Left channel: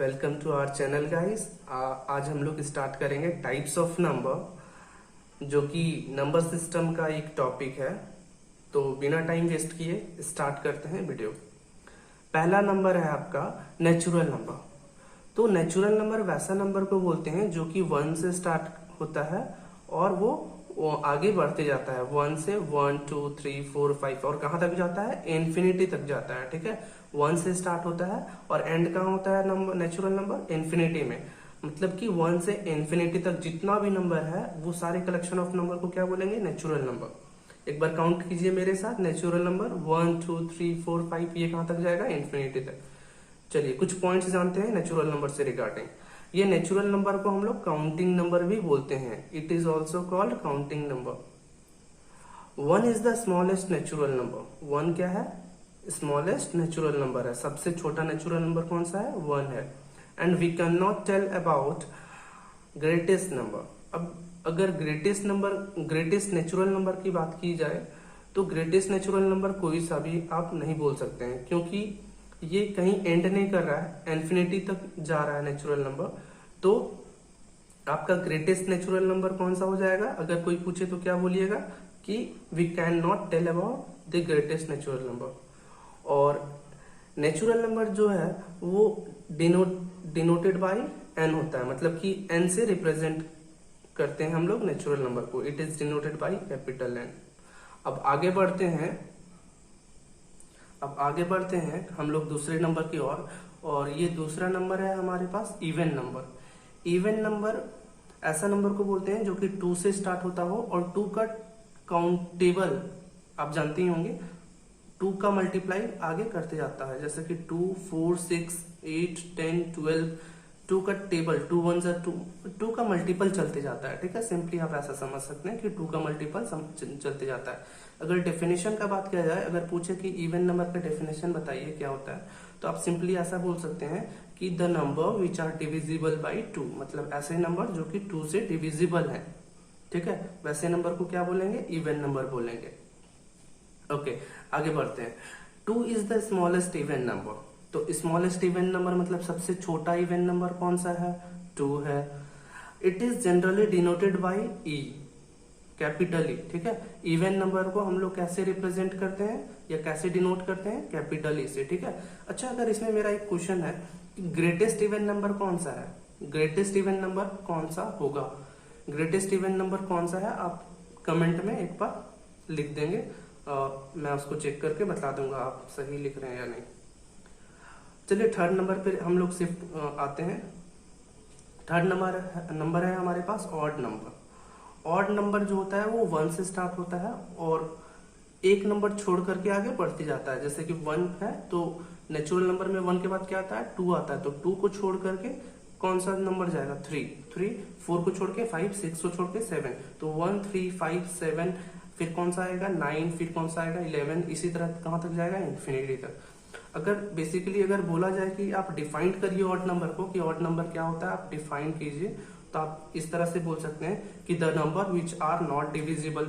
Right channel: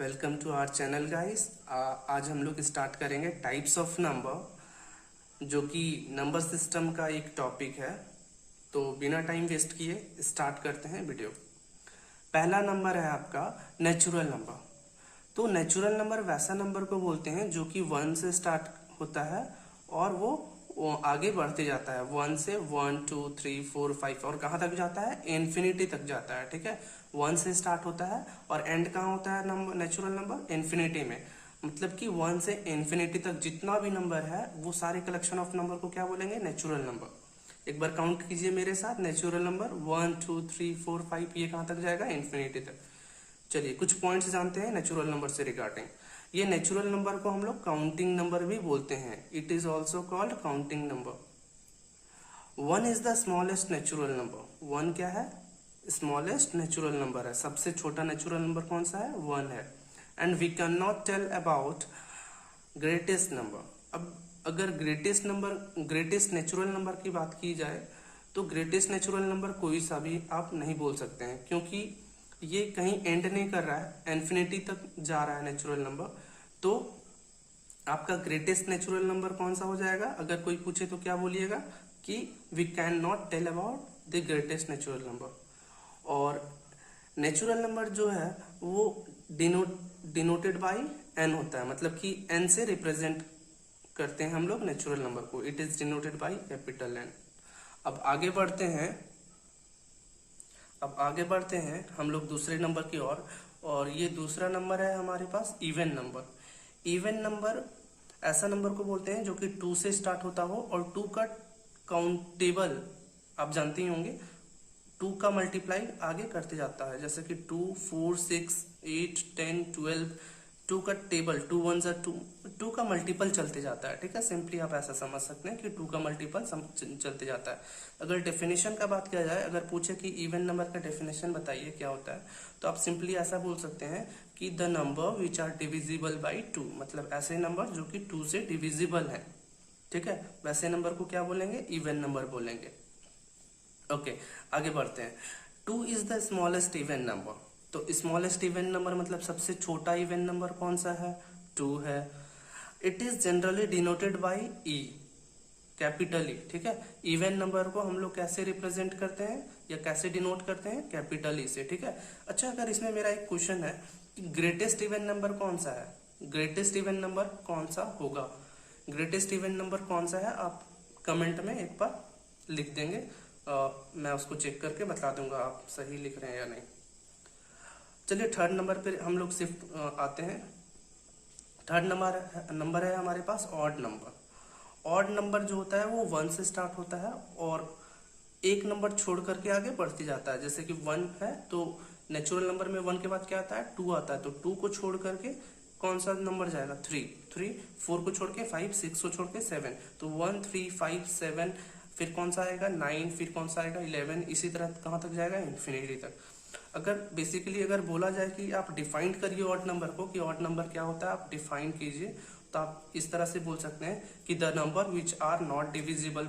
Welcome to our channel guys. आज हम लोग स्टार्ट करेंगे टाइप्स ऑफ नंबर, जो कि नंबर सिस्टम का एक टॉपिक है। तो बिना टाइम वेस्ट किए स्टार्ट करते हैं वीडियो। पहला नंबर है आपका नेचुरल नंबर। तो नेचुरल नंबर वैसा नंबर को बोलते हैं जो कि 1 से स्टार्ट होता है और वो आगे बढ़ते जाता है। 1 से 1 2 3 4 5 और कहाँ तक जाता है? इन्फिनिटी तक जाता है। ठीक है, 1 से स्टार्ट होता है और एंड कहाँ होता है नंबर नेचुरल नंबर? इन्फिनिटी में। मतलब कि 1 से इन्फिनिटी तक जितना भी नंबर है वो सारे कलेक्शन ऑफ नंबर को क्या बोलेंगे? Natural number. एक बार काउंट कीजिए मेरे साथ। नेचुरल नंबर 1 2 3 4 5, ये कहाँ तक जाएगा? इन्फिनिटी तक। चलिए कुछ पॉइंट्स जानते हैं नेचुरल नंबर से रिगार्डिंग। ये नेचुरल नंबर को हम लोग काउंटिंग नंबर भी बोलते हैं। It is also called counting number. 1 is the smallest natural number. 1 क्या है? स्मॉलेस्ट नेचुरल नंबर है। सबसे छोटा नेचुरल नंबर कौन सा है? 1 है। And we can not tell about greatest number. अब अगर ग्रेटेस्ट नेचुरल नंबर की बात की जाए तो ग्रेटेस्ट नेचुरल नंबर कोई सा भी आप नहीं बोल सकते हैं, क्योंकि ये कहीं एंड नहीं कर रहा है, इन्फिनिटी तक जा रहा है नेचुरल नंबर। तो आपका ग्रेटेस्ट नेचुरल नंबर कौन सा हो जाएगा? अगर कोई पूछे तो क्या बोलिएगा कि we can not tell about the greatest natural number. और नेचुरल नंबर जो है वो डिनोटेड बाय एन होता है, मतलब कि एन से रिप्रेजेंट करते हैं हम लोग नेचुरल नंबर को। It is denoted by capital N. अब आगे बढ़ते हैं हम लोग दूसरे नंबर की ओर। और ये दूसरा नंबर है हमारे पास इवन नंबर। इवन नंबर ऐसा नंबर को बोलते हैं जो कि 2 से स्टार्ट होता हो और 2 का काउंटेबल आप जानते ही होंगे। 2 का मल्टीप्लाई आगे करते जाता है, जैसे कि 2 4 6 8 10 12। 2 का टेबल 2 1 2 का मल्टीपल चलते जाता है। ठीक है, सिंपली आप ऐसा समझ सकते हैं कि 2 का मल्टीपल चलते जाता है। अगर डेफिनेशन का बात किया जाए, अगर पूछे कि इवन नंबर का डेफिनेशन बताइए क्या होता है, तो आप सिंपली ऐसा बोल सकते हैं कि the number which are divisible by 2। मतलब ऐसे नंबर जो कि 2 से डिविजिबल है। ठीक है, वैसे नंबर को क्या बोलेंगे? इवन नंबर बोलेंगे। ओके, आगे बढ़ते हैं। 2 is the smallest even number. तो स्मॉलेस्ट इवन नंबर मतलब सबसे छोटा इवन नंबर कौन सा है? 2 है। It is generally denoted by E, capital E. ठीक है, इवन नंबर को हम लोग कैसे रिप्रेजेंट करते हैं या कैसे डिनोट करते हैं? कैपिटल ई से। ठीक है, अच्छा अगर इसमें मेरा एक क्वेश्चन है कि ग्रेटेस्ट इवन नंबर कौन सा है? ग्रेटेस्ट इवन नंबर कौन सा होगा? ग्रेटेस्ट इवन नंबर कौन सा है? आप कमेंट में एक बार लिख देंगे। मैं उसको चेक करके बता दूंगा आप सही लिख रहे हैं या नहीं। चलिए थर्ड नंबर पे हम लोग शिफ्ट आते हैं। थर्ड नंबर है हमारे पास ऑड नंबर। ऑड नंबर जो होता है वो 1 से स्टार्ट होता है और एक नंबर छोड़ करके आगे बढ़ते जाता है। जैसे कि 1 है तो नेचुरल नंबर में 1 के बाद क्या आता है? 2 आता है। तो 2 को छोड़ करके कौन सा नंबर जाएगा? 3 4 को छोड़ के 5 6 को छोड़ के 7। तो 1 3 5 7, फिर कौन सा आएगा? 9, फिर कौन सा आएगा? 11। इसी तरह कहां तक जाएगा? इन्फिनिटी तक। अगर बेसिकली अगर बोला जाए कि आप डिफाइन करिए ऑड नंबर को कि ऑड नंबर क्या होता है, आप डिफाइन कीजिए, तो आप इस तरह से बोल सकते हैं कि the number which are not divisible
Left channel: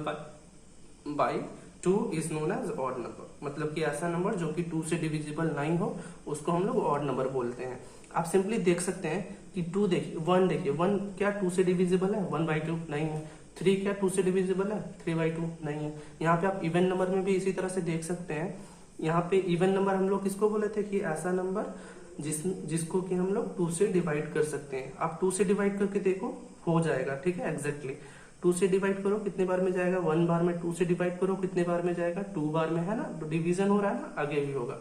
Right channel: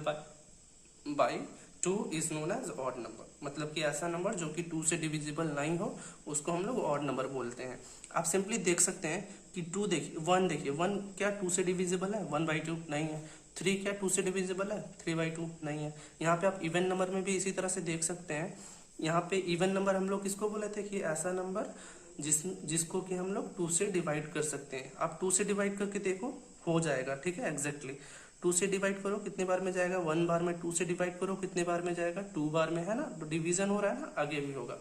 by 2 is known as odd number. मतलब कि ऐसा नंबर जो कि 2 से डिविजिबल नहीं हो उसको हम लोग ऑड नंबर बोलते हैं। आप सिंपली देख सकते हैं कि 1 देखिए 1 क्या 2 से डिविजिबल है? 1/2 नहीं है। 3 क्या 2 से डिविजिबल है? 3/2 नहीं है। यहाँ पे आप इवन नंबर में भी इसी तरह से देख सकते हैं। यहाँ पे इवन नंबर हम लोग किसको बोले थे? कि ऐसा नंबर जिसको कि हम लोग 2 से डिवाइड कर सकते हैं। आप 2 से डिवाइड करके देखो, हो जाएगा। ठीक है, एग्जैक्टली 2 से डिवाइड करो कितने बार में जाएगा? 1 बार में। 2 से डिवाइड करो कितने बार में जाएगा? 2 बार में, है ना? तो डिवीजन हो रहा है ना, आगे भी होगा।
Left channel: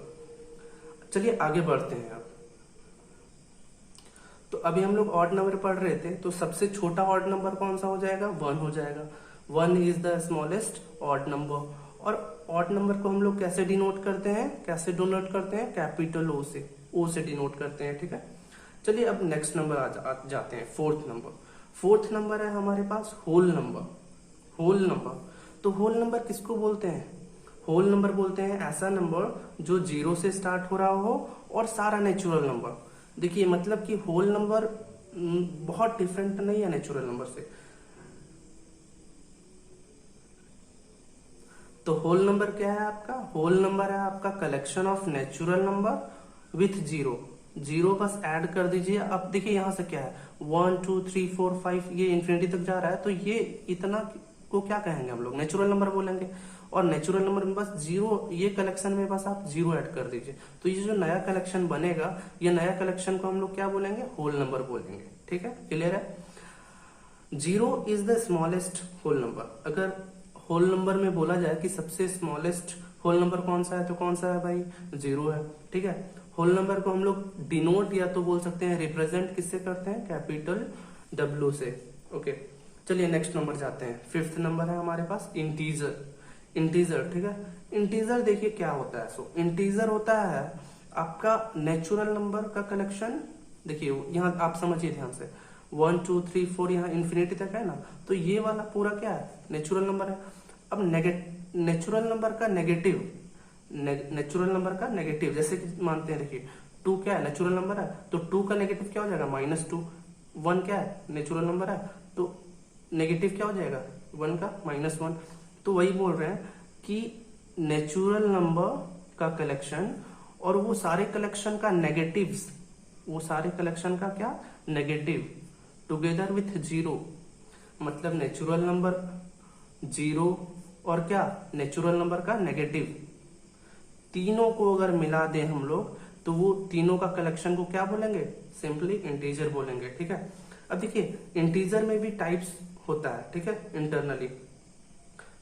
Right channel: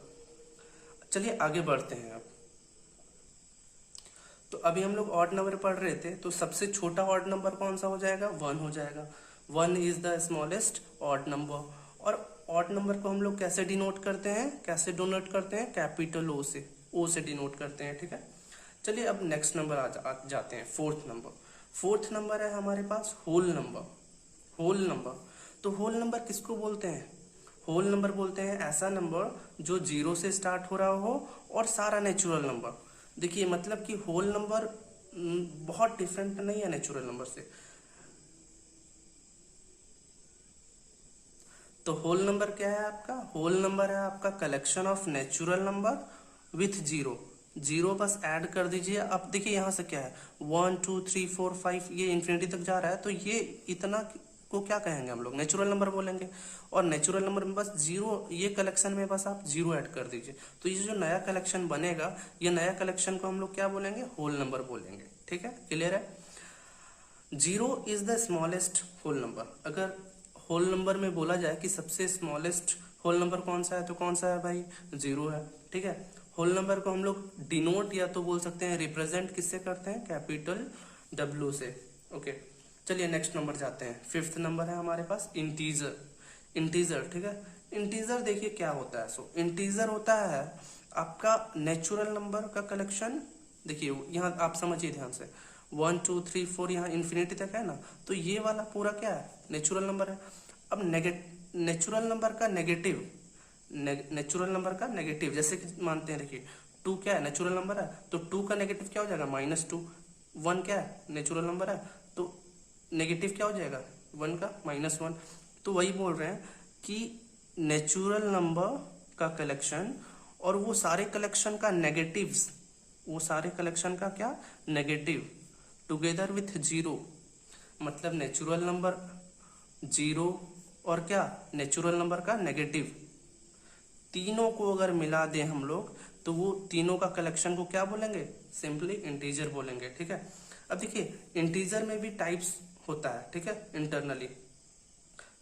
चलिए आगे बढ़ते हैं अब। तो अभी हम लोग ऑड नंबर पढ़ रहे थे, तो सबसे छोटा ऑड नंबर कौन सा हो जाएगा? 1 हो जाएगा। 1 is the smallest odd number. और ऑड नंबर को हम लोग कैसे डिनोट करते हैं? कैपिटल ओ से डिनोट करते हैं। ठीक है, चलिए अब नेक्स्ट नंबर जाते हैं। फोर्थ नंबर है हमारे पास होल नंबर। तो होल नंबर किसको बोलते हैं? होल नंबर बोलते हैं ऐसा नंबर जो 0 से स्टार्ट हो रहा हो और सारा नेचुरल नंबर। देखिए मतलब कि होल नंबर बहुत डिफरेंट नहीं है नेचुरल नंबर से। तो होल नंबर क्या है आपका? होल नंबर है आपका collection of natural number with 0। Zero बस ऐड कर दीजिए। अब देखिए यहाँ से क्या है, 1 2 3 4 5, ये इन्फिनिटी तक जा रहा है, तो ये इतना को क्या कहेंगे हम लोग, नेचुरल नंबर बोलेंगे। और नेचुरल नंबर में बस जीरो, ये कलेक्शन में बस आप जीरो ऐड कर दीजिए, तो ये जो नया कलेक्शन बनेगा, ये नया कलेक्शन को हम लोग क्या बोलेंगे, होल नंबर बोलेंगे। ठीक है, क्लियर है। Zero is the smallest whole number. अगर होल नंबर में बोला जाए कि सबसे स्मॉलेस्ट होल नंबर कौन सा है, तो कौन सा है भाई, जीरो है। ठीक है, होल नंबर को हम लोग डिनोट या तो बोल सकते हैं रिप्रेजेंट किससे करते हैं, कैपिटल डब्ल्यू से। ओके, चलिए नेक्स्ट नंबर जाते हैं। फिफ्थ नंबर है हमारे पास इंटीजर। इंटीजर, ठीक है, इंटीजर देखिए क्या होता है। सो इंटीजर होता है आपका नेचुरल नंबर का कलेक्शन। देखिए यहाँ आप समझिए ध्यान से, 1 2 3 4 यहाँ इन्फिनिटी तक है ना, तो ये वाला पूरा क्या है, नेचुरल नंबर है। अब नेचुरल नंबर का नेगेटिव, नेचुरल नंबर का नेगेटिव, जैसे कि मानते हैं देखिए 2 क्या है, नेचुरल नंबर है, तो 2 का नेगेटिव क्या हो जाएगा, -2। 1 क्या है, नेचुरल नंबर है, तो नेगेटिव क्या हो जाएगा, 1 का -1। तो वही बोल रहे हैं कि नेचुरल नंबर का कलेक्शन और वो सारे कलेक्शन का नेगेटिव्स, वो सारे कलेक्शन का क्या, नेगेटिव टुगेदर विथ जीरो, मतलब नेचुरल नंबर जीरो और क्या, नेचुरल नंबर का नेगेटिव, तीनों को अगर मिला दें हम लोग, तो वो तीनों का कलेक्शन को क्या बोलेंगे, सिंपली इंटीजर बोलेंगे। ठीक है, अब देखिए इंटीजर में भी टाइप्स होता है। ठीक है, इंटरनली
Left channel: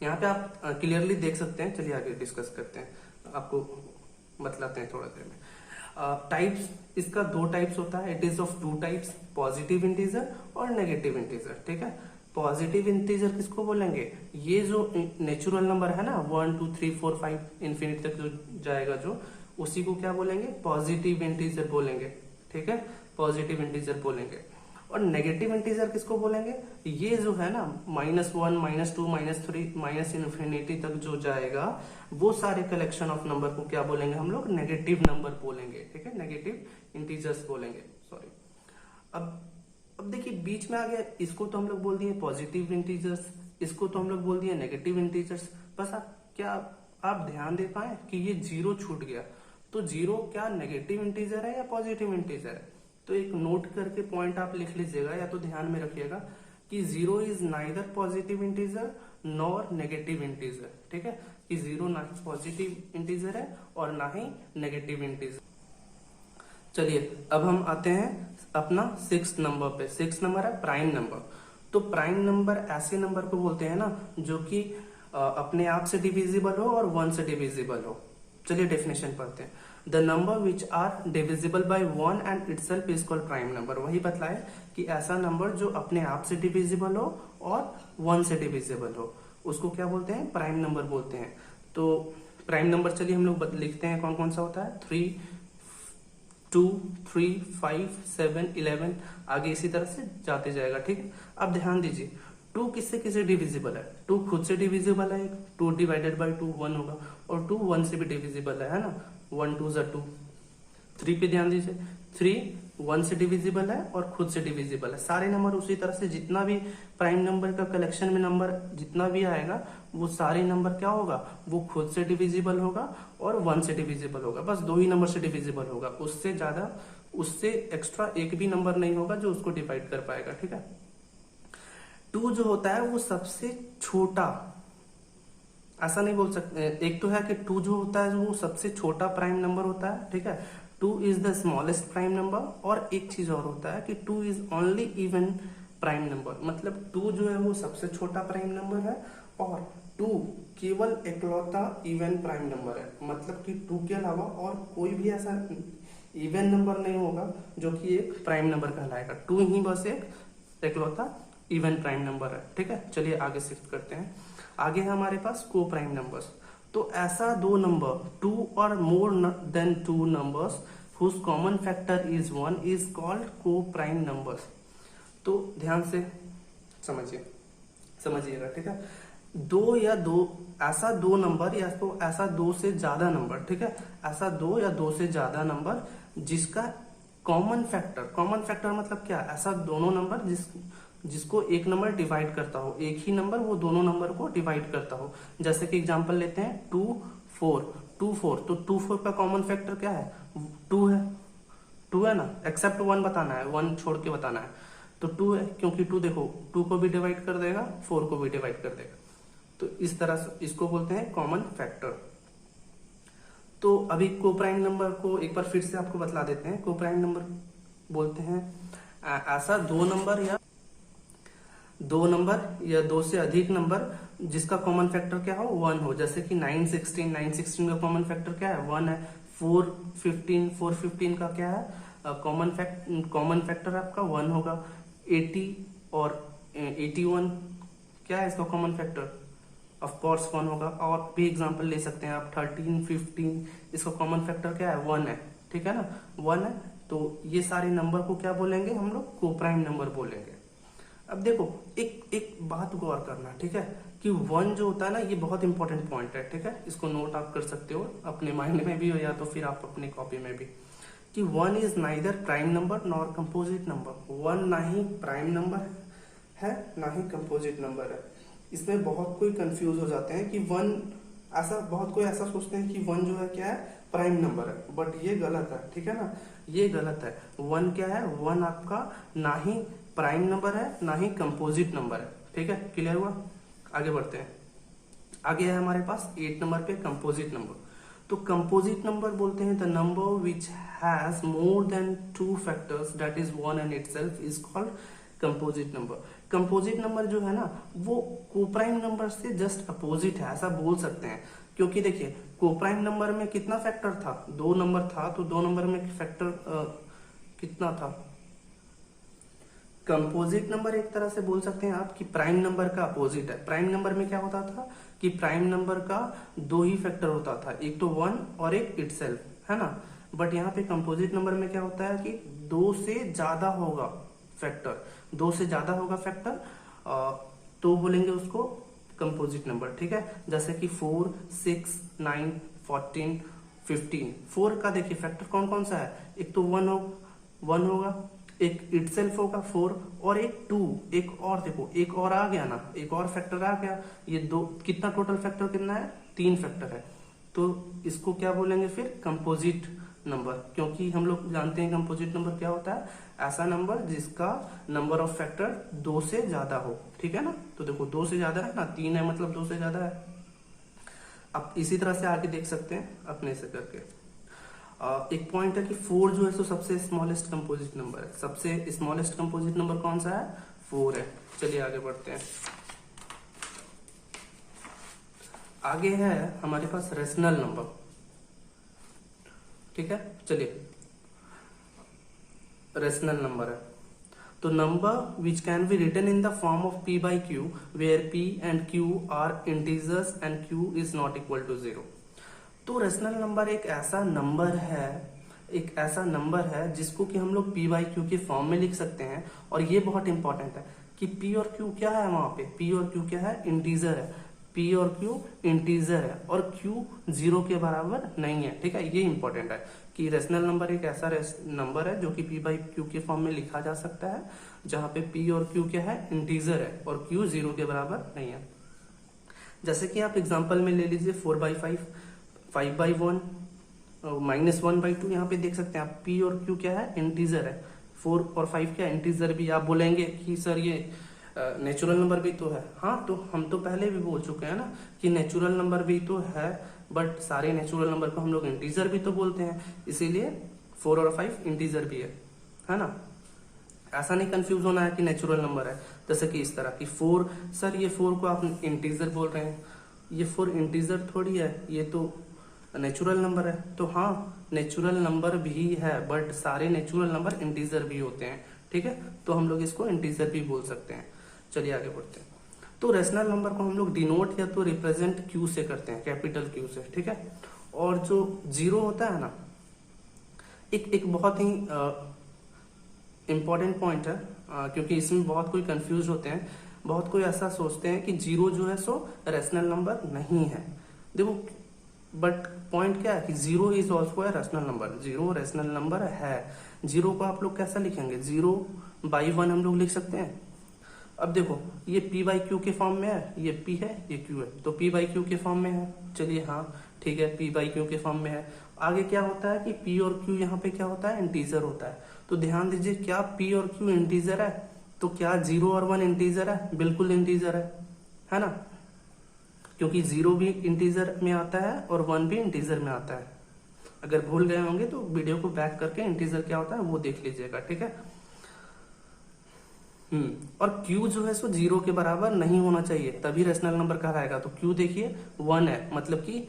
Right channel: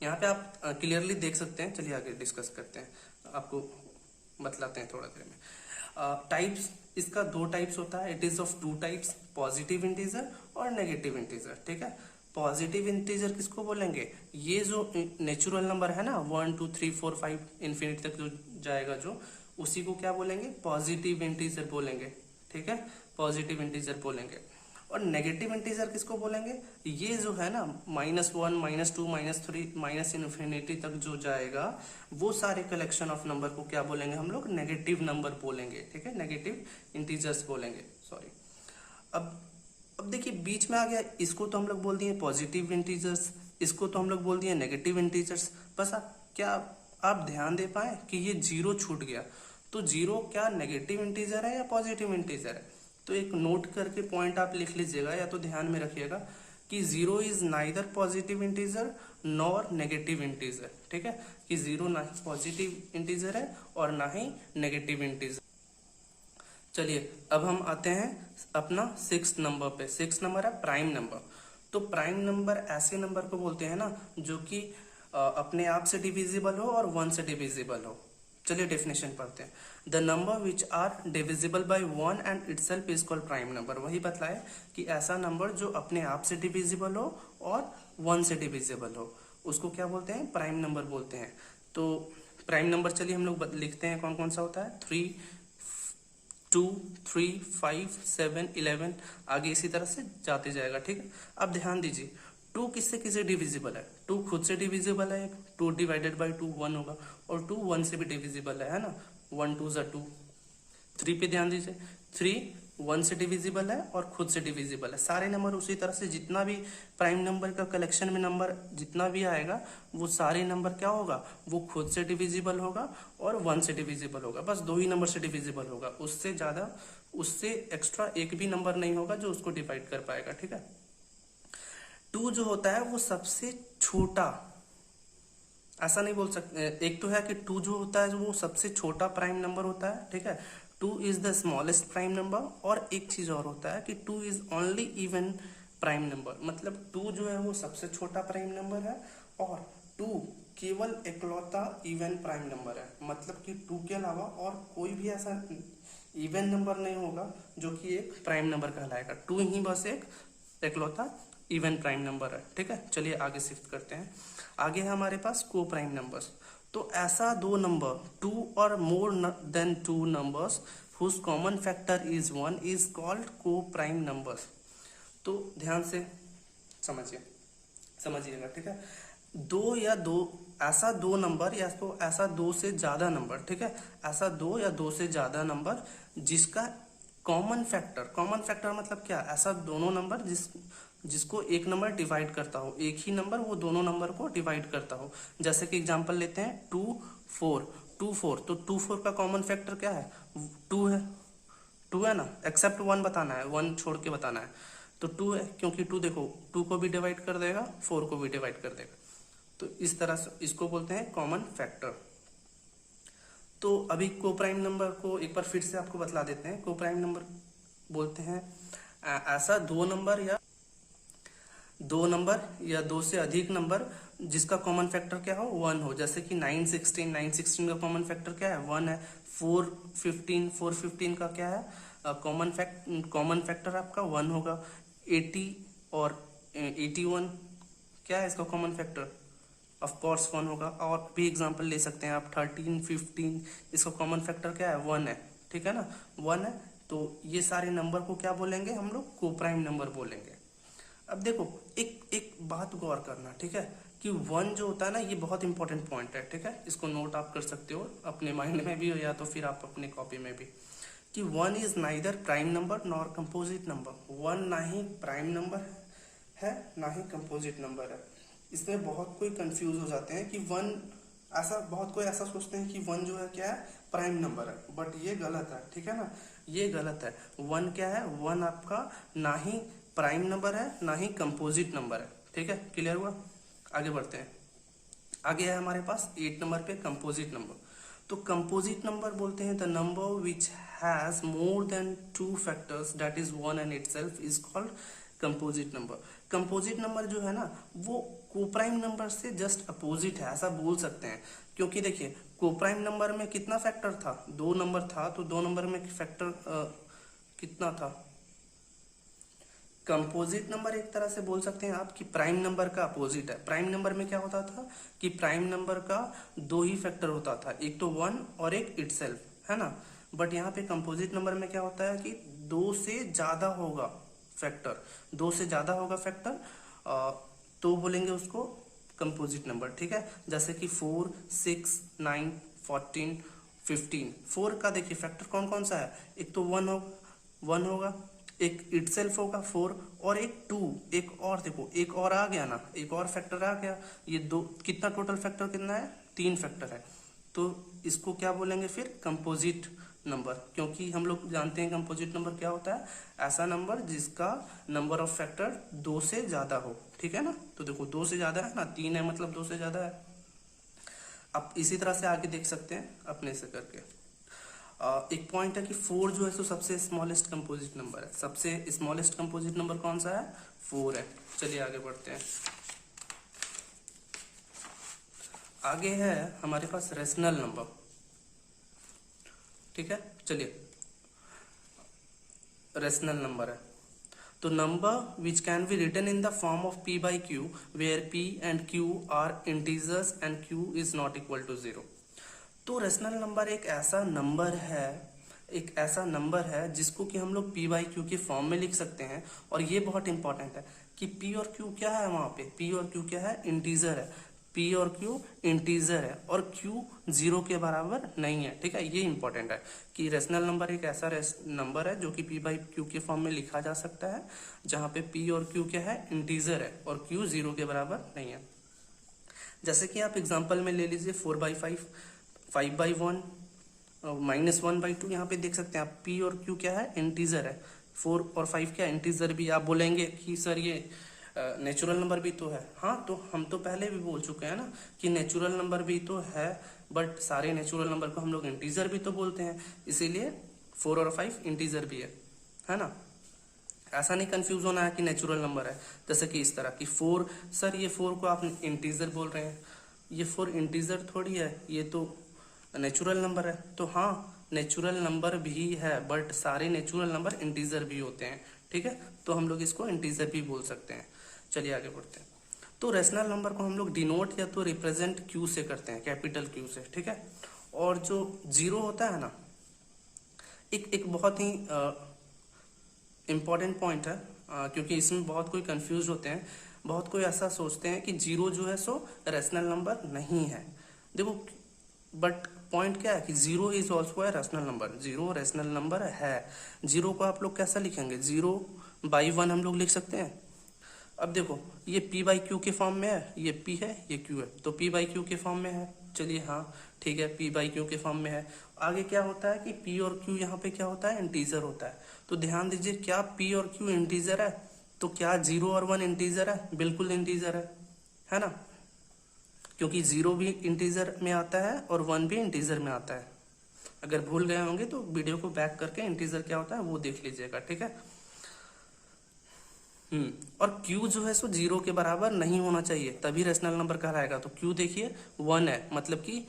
यहाँ पे आप क्लियरली देख सकते हैं। चलिए आगे डिस्कस करते हैं, आपको बतलाते हैं थोड़ा देर में। टाइप्स, इसका 2 टाइप्स होता है। It is of 2 types, positive integer और नेगेटिव इंटीजर। ठीक है, पॉजिटिव इंटीजर किसको बोलेंगे, ये जो नेचुरल नंबर है ना 1 2 3 4 5 इन्फिनिटी तक जो जाएगा, जो उसी को क्या बोलेंगे, पॉजिटिव इंटीजर बोलेंगे। ठीक है, पॉजिटिव इंटीजर बोलेंगे। और नेगेटिव इंटीजर किसको बोलेंगे, ये जो है ना -1 -2 -3 माइनस इन्फिनिटी तक जो जाएगा, वो सारे कलेक्शन ऑफ नंबर को क्या बोलेंगे हम लोग, नेगेटिव नंबर बोलेंगे। ठीक है, नेगेटिव इंटीजर्स बोलेंगे, सॉरी। अब देखिए बीच में आ गया, इसको तो हम लोग बोल दिए पॉजिटिव इंटीजर्स, इसको तो हम लोग बोल दिए नेगेटिव इंटीजर्स। बस क्या आप ध्यान दे पाए कि ये जीरो छूट गया, तो जीरो क्या नेगेटिव इंटीजर है या पॉजिटिव इंटीजर है। तो एक नोट करके पॉइंट आप लिख लीजिएगा या तो ध्यान में रखिएगा कि zero is neither positive integer nor negative integer. ठीक है, कि जीरो ना ही पॉजिटिव इंटीजर है और ना ही नेगेटिव इंटीजर। चलिए अब हम आते हैं अपना 6th नंबर पे। 6th नंबर है प्राइम नंबर। तो प्राइम नंबर ऐसे नंबर को बोलते हैं ना जो कि अपने आप से डिविजिबल हो और 1 से डिविजिबल हो। चलिए डेफिनेशन पढ़ते हैं। The number which are divisible by 1 and itself is called prime number. वही बतलाए कि ऐसा नंबर जो अपने आप से डिविजिबल हो और 1 से डिविजिबल हो, उसको क्या बोलते हैं, प्राइम नंबर बोलते हैं। तो प्राइम नंबर चलिए हम लोग लिखते हैं कौन कौन सा होता है, 3 2 3 5 7 11, आगे इसी तरह से जाते जाएगा। ठीक है, अब ध्यान दीजिए 2 किससे किससे डिविजिबल है, 2 खुद से डिविजिबल है, 2 डिवाइडेड बाय 2 1 होगा, और 2 1 से भी डिविजिबल है ना, 1 2 ज़ा 2। 3 पे ध्यान दीजिए, 3 1 से डिविजिबल है और खुद से डिविजिबल है। सारे नंबर उसी तरह से, जितना भी प्राइम नंबर का कलेक्शन में नंबर जितना भी आएगा, वो सारे नंबर क्या होगा, वो खुद से डिविजिबल होगा और 1 से डिविजिबल होगा। बस 2 ही नंबर से डिविजिबल होगा, उससे ज्यादा, उससे एक्स्ट्रा एक भी नंबर नहीं होगा जो उसको डिवाइड कर पाएगा। ठीक है, 2 जो होता है वो सबसे छोटा, ऐसा नहीं बोल सकते, एक तो है कि 2 जो होता है वो सबसे छोटा प्राइम नंबर होता है। ठीक है, 2 is the smallest prime number. और एक चीज और होता है कि 2 is only even prime number, मतलब 2 जो है वो सबसे छोटा प्राइम नंबर है और 2 केवल इकलौता इवन प्राइम नंबर है। मतलब कि 2 के अलावा और कोई भी ऐसा इवन नंबर नहीं होगा जो कि एक प्राइम नंबर कहलाएगा। 2 ही बस एक इकलौता इवन प्राइम नंबर है। ठीक है, चलिए आगे शिफ्ट करते हैं। आगे है हमारे पास को प्राइम नंबर्स। तो ऐसा 2 नंबर, 2 और more than 2 numbers whose common factor is 1 is called co prime numbers. तो ध्यान से समझिएगा। ठीक है, 2 या 2 ऐसा 2 नंबर या तो ऐसा 2 से ज्यादा नंबर, ठीक है, ऐसा 2 या 2 से ज्यादा नंबर जिसका कॉमन फैक्टर मतलब क्या, ऐसा दोनों नंबर जिसको एक नंबर डिवाइड करता हो, एक ही नंबर वो दोनों नंबर को डिवाइड करता हो। जैसे कि एग्जांपल लेते हैं 2 4, तो 2 4 का कॉमन फैक्टर क्या है, 2 है। 2 है ना, एक्सेप्ट 1 बताना है, 1 छोड़ के बताना है। तो 2 है, क्योंकि 2 देखो 2 को भी डिवाइड कर देगा, 4 को भी डिवाइड कर देगा। तो इस तरह से इसको बोलते हैं कॉमन फैक्टर। तो अभी कोप्राइम नंबर को एक बार फिर से आपको बतला देते हैं। कोप्राइम नंबर बोलते हैं ऐसा दो नंबर या दो से अधिक नंबर जिसका कॉमन फैक्टर क्या हो, 1 हो। जैसे कि 916 का कॉमन फैक्टर क्या है, 1 है। 415 का क्या है कॉमन फैक्टर आपका 1 होगा। 80 और 81 क्या है इसका कॉमन फैक्टर, ऑफ कोर्स 1 होगा। और भी एग्जांपल ले सकते हैं आप, 13 15 इसका कॉमन फैक्टर क्या है, 1 है। ठीक है ना, 1 है। तो ये सारे नंबर को क्या बोलेंगे हम लोग, कोप्राइम नंबर बोलेंगे। अब देखो एक बात गौर करना, ठीक है, कि 1 जो होता है ना, ये बहुत इंपॉर्टेंट पॉइंट है। ठीक है, इसको नोट आप कर सकते हो अपने माइंड में भी, या तो फिर आप अपने कॉपी में भी, कि 1 is neither prime number nor composite number. 1 ना ही प्राइम नंबर है ना ही कंपोजिट नंबर है। इसमें बहुत कोई कंफ्यूज हो जाते हैं कि 1 बहुत कोई ऐसा सोचते हैं कि 1 जो है क्या है, प्राइम नंबर है, बट ये गलत है। ठीक है ना, ये गलत है। 1 क्या है, 1 आपका ना ही प्राइम नंबर है ना ही कंपोजिट नंबर है। ठीक है, क्लियर हुआ। आगे बढ़ते हैं। आगे है हमारे पास 8 नंबर पे कंपोजिट नंबर। तो कंपोजिट नंबर बोलते हैं the number which has more than 2 factors that is 1 and itself is called composite number. Composite number जो है ना, वो कोप्राइम नंबर से जस्ट अपोजिट है, ऐसा बोल सकते हैं। क्योंकि देखिए कोप्राइम नंबर में कितना फैक्टर था, 2 नंबर था, तो 2 नंबर में फैक्टर कितना था। कंपोजिट नंबर एक तरह से बोल सकते हैं आप कि प्राइम नंबर का अपोजिट है। प्राइम नंबर में क्या होता था कि प्राइम नंबर का 2 ही फैक्टर होता था, एक तो 1 और एक इटसेल्फ, है ना। बट यहाँ पे कंपोजिट नंबर में क्या होता है कि 2 से ज्यादा होगा फैक्टर, 2 से ज्यादा होगा फैक्टर, तो बोलेंगे उसको कंपोजिट नंबर। ठीक है, जैसे कि 4 6 9 14 15। 4 का देखिए फैक्टर कौन कौन सा है, एक तो 1 होगा, एक इटसेल्फ होगा 4, और एक 2, एक और देखो एक और आ गया ना, एक और फैक्टर आ गया। ये 2 कितना टोटल फैक्टर कितना है, 3 फैक्टर है। तो इसको क्या बोलेंगे फिर, कंपोजिट नंबर। क्योंकि हम लोग जानते हैं कंपोजिट नंबर क्या होता है, ऐसा नंबर जिसका नंबर ऑफ फैक्टर 2 से ज्यादा हो। ठीक है ना, तो देखो 2 से ज्यादा है ना, 3 है मतलब 2 से ज्यादा है। अब इसी तरह से आगे देख सकते हैं अपने से करके। एक पॉइंट है कि 4 जो है तो सबसे स्मॉलेस्ट कंपोजिट नंबर है। सबसे स्मॉलेस्ट कंपोजिट नंबर कौन सा है, 4 है। चलिए आगे बढ़ते हैं। आगे है हमारे पास रेशनल नंबर। ठीक है, चलिए रेशनल नंबर है तो number which can be written in the form of p by q where p and q are integers and q is not equal to 0। तो रेशनल नंबर एक ऐसा नंबर है जिसको कि हम लोग p by q के फॉर्म में लिख सकते हैं। और ये बहुत इंपॉर्टेंट है कि p और q क्या है, वहां पे p और q क्या है, इंटीजर है। p और q इंटीजर है और q 0 के बराबर नहीं है। ठीक है, ये इंपॉर्टेंट है कि रेशनल नंबर एक ऐसा नंबर है जो कि p by q के फॉर्म में लिखा जा सकता है, जहां पे p और q क्या है, इंटीजर है और q 0 के बराबर नहीं है। जैसे कि आप एग्जांपल में ले लीजिए 4/5, 5/1, -1/2। यहाँ पे देख सकते हैं आप p और q क्या है, इंटीजर है। 4 और 5 क्या इंटीजर भी। आप बोलेंगे कि सर ये नेचुरल नंबर भी तो है। हाँ, तो हम तो पहले भी बोल चुके हैं ना कि नेचुरल नंबर भी तो है, बट सारे नेचुरल नंबर को हम लोग इंटीजर भी तो बोलते हैं, इसीलिए 4 और 5 इंटीजर भी है ना। ऐसा नहीं कंफ्यूज होना है कि नेचुरल नंबर है। जैसे कि इस तरह की 4, सर ये 4 को आप इंटीजर बोल रहे हैं, ये 4 इंटीजर थोड़ी है, ये तो नेचुरल नंबर है। तो हाँ, नेचुरल नंबर भी है, बट सारे नेचुरल नंबर इंटीजर भी होते हैं। ठीक है, तो हम लोग इसको इंटीजर भी बोल सकते हैं। चलिए आगे बढ़ते हैं। तो रेशनल नंबर को हम लोग डिनोट या तो रिप्रेजेंट क्यू से करते हैं, कैपिटल क्यू से। ठीक है, और जो 0 होता है ना, एक बहुत ही इंपॉर्टेंट पॉइंट है, क्योंकि इसमें बहुत कोई कंफ्यूज होते हैं। बहुत कोई ऐसा सोचते हैं कि 0 जो है सो रेशनल नंबर नहीं है। देखो बट पॉइंट क्या है कि 0 is also a rational number. 0 rational number है। 0 को आप लोग कैसा लिखेंगे, 0/1 हम लोग लिख सकते हैं। अब देखो ये p by q के फॉर्म में है, ये p है, ये q है, तो p by q के फॉर्म में है। चलिए हाँ, ठीक है, पी बाई क्यू के फॉर्म में है। आगे क्या होता है कि पी और क्यू यहाँ पे क्या होता है, इंटीजर होता है। तो ध्यान दीजिए, क्या पी और क्यू इंटीजर है? तो क्या 0 और 1 इंटीजर है? बिल्कुल इंटीजर है ना, क्योंकि 0 भी इंटीजर में आता है और 1 भी इंटीजर में आता है। अगर भूल गए होंगे तो वीडियो को बैक करके इंटीजर क्या होता है वो देख लीजिएगा, ठीक है। और Q जो है सो 0 के बराबर नहीं होना चाहिए, तभी रेशनल नंबर कहलाएगा। तो Q देखिए 1 है, मतलब कि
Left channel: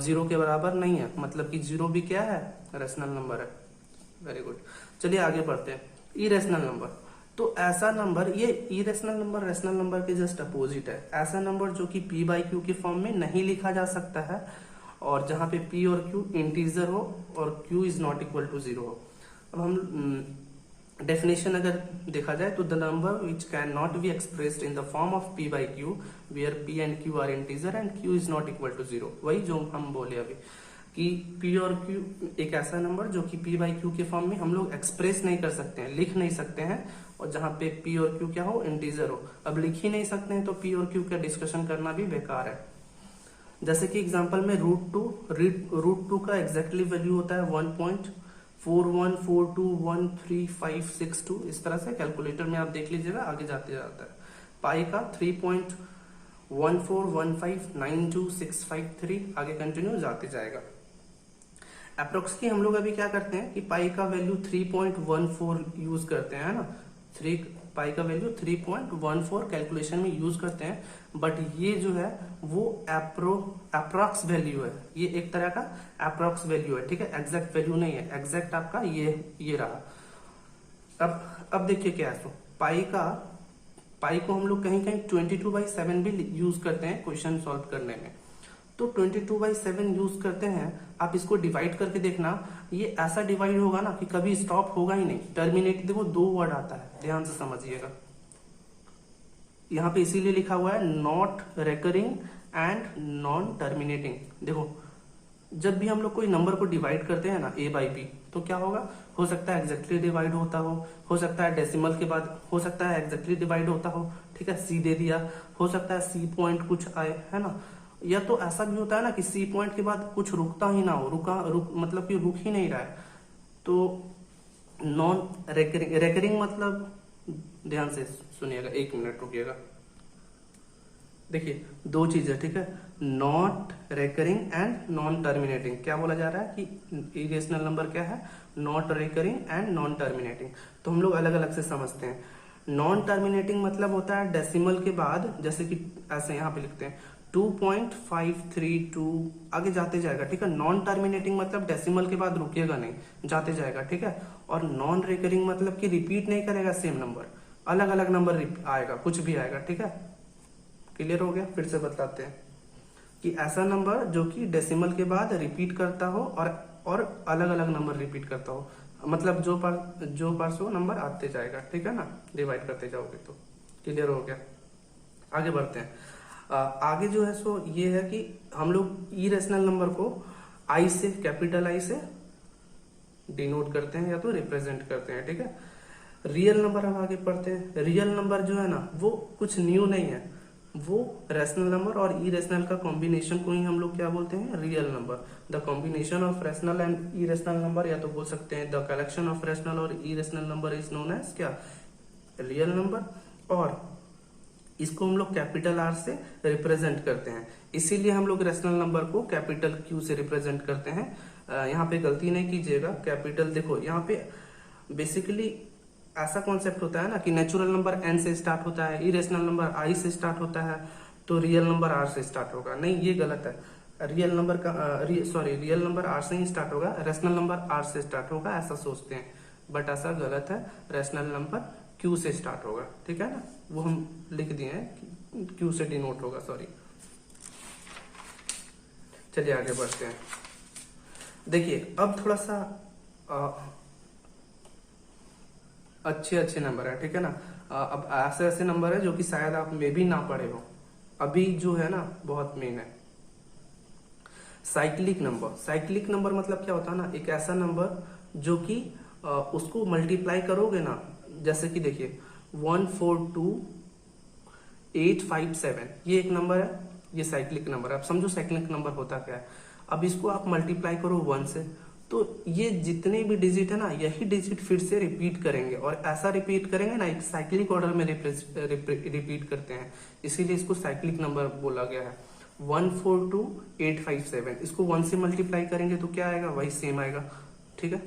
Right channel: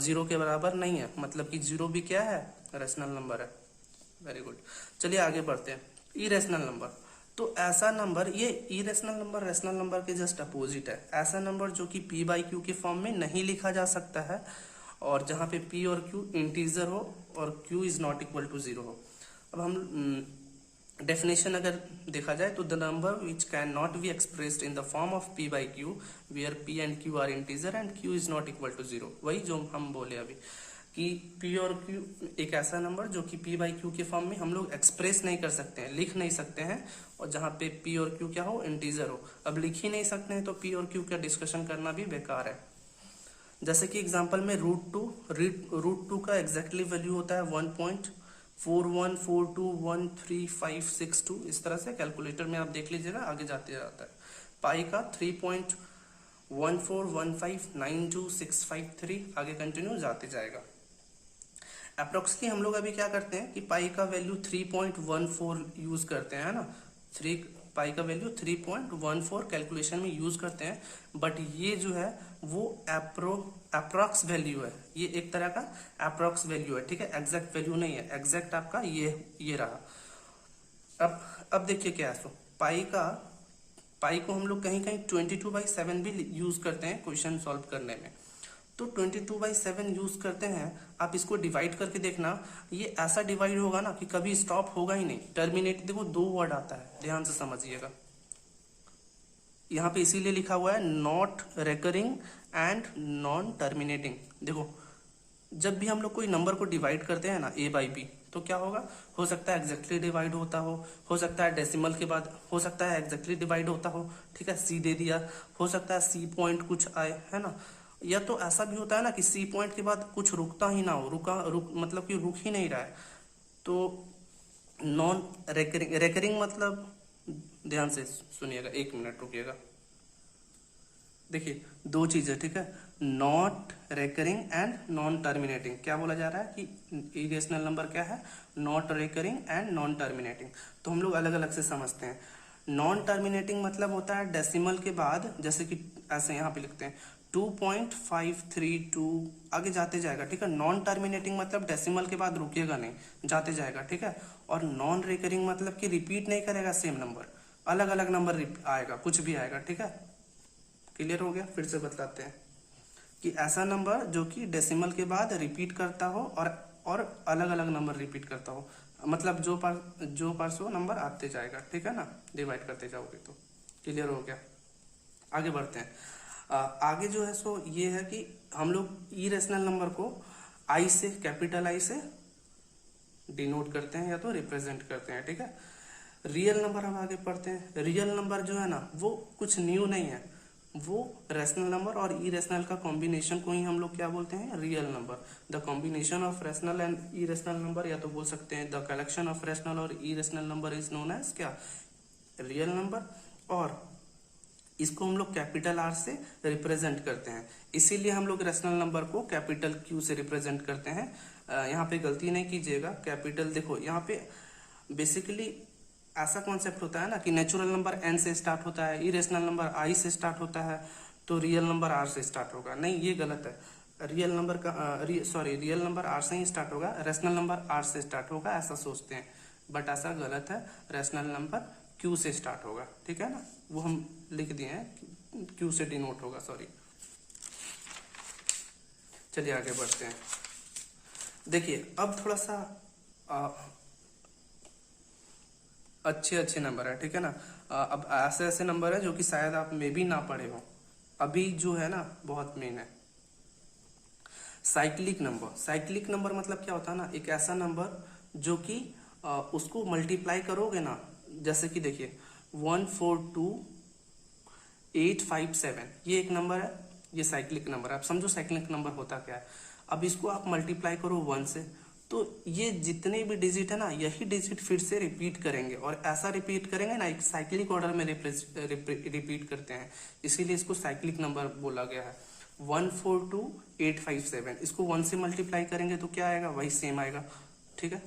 0 के बराबर नहीं है, मतलब कि 0 भी क्या है, रेशनल नंबर है। Very good. चलिए आगे बढ़ते हैं। इरेशनल नंबर, तो ऐसा नंबर, ये इरेशनल नंबर रेशनल नंबर के जस्ट अपोजिट है। ऐसा नंबर जो कि P बाई क्यू के फॉर्म में नहीं लिखा जा सकता है, और जहां पे P और Q इंटीजर हो और Q is not equal to 0 हो। अब हम डेफिनेशन अगर देखा जाए तो the number which can not be expressed in the form of P by q where P and Q are integer and Q is not equal to 0। वही जो हम बोले अभी कि P और Q एक ऐसा नंबर जो कि P बाई Q के फॉर्म में हम लोग एक्सप्रेस नहीं कर सकते हैं, लिख नहीं सकते हैं, और जहां पे P और Q क्या हो, इंटीजर हो। अब लिख ही नहीं सकते हैं तो P और Q का डिस्कशन करना भी बेकार है। जैसे कि एग्जांपल में रूट टू का एग्जैक्टली वैल्यू होता है 1.4142135562। इस तरह से कैलकुलेटर में आप देख लीजिएगा, आगे जाते जाता है। पाई का 3.14159263, आगे कंटिन्यू जाते जाएगा। अप्रोक्सली हम लोग अभी क्या करते हैं कि पाई का वैल्यू 3.14 यूज करते हैं, है ना। पाई का वैल्यू 3.14 कैलकुलेशन में यूज करते हैं, बट ये जो है वो अप्रोक्स वैल्यू है, ये एक तरह का अप्रोक्स वैल्यू है, ठीक है, एग्जैक्ट वैल्यू नहीं है। एग्जैक्ट आपका ये रहा। अब देखिए क्या है, पाई को हम लोग कहीं कहीं 22/7 भी यूज करते हैं क्वेश्चन सॉल्व करने में। तो 22/7 यूज करते हैं, आप इसको डिवाइड करके देखना, ये ऐसा डिवाइड होगा ना कि कभी स्टॉप होगा ही नहीं। टर्मिनेट, देखो 2 वर्ड आता है, ध्यान से समझिएगा। यहाँ पे इसीलिए लिखा हुआ है not recurring and non terminating. देखो जब भी हम लोग कोई नंबर को डिवाइड करते हैं ना A बाई B, तो क्या होगा, हो सकता है एग्जैक्टली डिवाइड होता हो सकता है डेसिमल के बाद, हो सकता है एग्जैक्टली डिवाइड होता हो, ठीक है, C दे दिया, हो सकता है C पॉइंट कुछ आए, है ना। या तो ऐसा भी होता है ना कि C पॉइंट के बाद कुछ रुकता ही ना हो, मतलब कि रुक ही नहीं रहा है। तो नॉन रेकरिंग मतलब, ध्यान से सुनिएगा, 1 मिनट रुकिएगा। देखिए 2 चीजें, ठीक है, not recurring and non terminating. क्या बोला जा रहा है कि इरेशनल नंबर क्या है, not recurring and non terminating. तो हम लोग अलग अलग से समझते हैं। नॉन टर्मिनेटिंग मतलब होता है डेसिमल के बाद, जैसे कि ऐसे यहाँ पे लिखते हैं 2.532, आगे जाते जाएगा, ठीक है। नॉन टर्मिनेटिंग मतलब डेसिमल के बाद रुकेगा नहीं, जाते जाएगा, ठीक है। और नॉन रिकरिंग मतलब कि रिपीट नहीं करेगा सेम नंबर, अलग अलग नंबर आएगा, कुछ भी आएगा, ठीक है। क्लियर हो गया? फिर से बताते हैं कि ऐसा नंबर जो कि डेसिमल के बाद रिपीट करता हो और अलग अलग नंबर रिपीट करता हो, मतलब जो पार्ट्स वो नंबर आते जाएगा, ठीक है ना, डिवाइड करते जाओगे तो। क्लियर हो गया? आगे बढ़ते हैं। आगे जो है सो ये है कि हम लोग इरेशनल नंबर को आई से, कैपिटल आई से डिनोट करते हैं या तो रिप्रेजेंट करते हैं, ठीक है। रियल नंबर हम आगे पढ़ते हैं। रियल नंबर जो है ना वो कुछ न्यू नहीं है, वो रेशनल नंबर और इरेशनल का कॉम्बिनेशन को ही हम लोग क्या बोलते हैं, real number. The combination of rational and irrational number, या तो बोल सकते हैं द कलेक्शन ऑफ रेशनल और irrational number is known as क्या, रियल नंबर। और इसको हम लोग कैपिटल आर से रिप्रेजेंट करते हैं, इसीलिए हम लोग रेशनल नंबर को कैपिटल क्यू से रिप्रेजेंट करते हैं। यहाँ पे गलती नहीं कीजिएगा, कैपिटल, देखो यहाँ पे बेसिकली ऐसा कॉन्सेप्ट होता है ना कि नेचुरल नंबर n से स्टार्ट होता है, इरेशनल नंबर i से स्टार्ट होता है, तो रियल नंबर r से स्टार्ट होगा। नहीं, ये गलत है। रियल नंबर r से ही स्टार्ट होगा, रेशनल नंबर r से स्टार्ट होगा, ऐसा सोचते हैं, बट ऐसा गलत है। रेशनल नंबर q से स्टार्ट होगा, ठीक है ना, वो हम लिख दिए हैं, q से डिनोट होगा, सॉरी। चलिए आगे बढ़ते हैं। देखिए अब थोड़ा सा अच्छे नंबर है, ठीक है ना। अब ऐसे नंबर है जो कि शायद आप में भी ना पढ़े हो, अभी जो है ना बहुत मेन है। साइक्लिक नंबर मतलब क्या होता है ना, एक ऐसा नंबर जो कि उसको मल्टीप्लाई करोगे ना, जैसे कि देखिए 142857, ये एक नंबर है, ये साइक्लिक नंबर है। आप समझो साइक्लिक नंबर होता क्या है। अब इसको आप मल्टीप्लाई करो 1 से, तो ये जितने भी डिजिट है ना, यही डिजिट फिर से रिपीट करेंगे, और ऐसा रिपीट करेंगे ना, एक साइक्लिक ऑर्डर में रिपीट करते हैं, इसीलिए इसको साइक्लिक नंबर बोला गया है। 142857, इसको 1 से मल्टीप्लाई करेंगे तो क्या आएगा, वही सेम आएगा। ठीक है,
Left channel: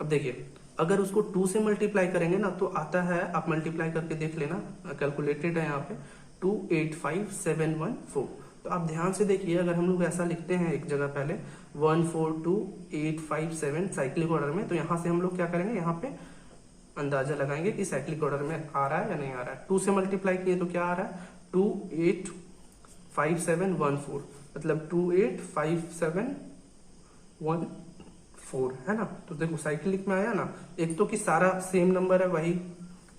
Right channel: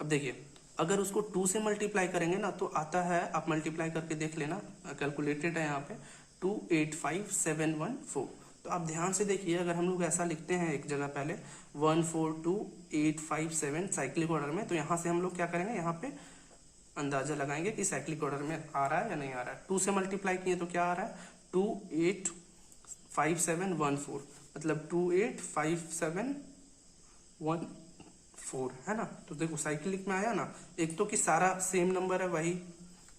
अब देखिए अगर उसको 2 से मल्टीप्लाई करेंगे ना तो आता है, आप मल्टीप्लाई करके देख लेना, कैलकुलेटेड है यहाँ पे 285714। तो आप ध्यान से देखिए, अगर हम लोग ऐसा लिखते हैं एक जगह पहले 142857 साइक्लिक ऑर्डर में, तो यहाँ से हम लोग क्या करेंगे, यहाँ पे अंदाजा लगाएंगे कि साइक्लिक ऑर्डर में आ रहा है या नहीं आ रहा है। 2 से मल्टीप्लाई किए तो क्या आ रहा है, 285714, मतलब 285714 है ना। तो देखो साइक्लिक में आया ना, एक तो कि सारा सेम नंबर है, वही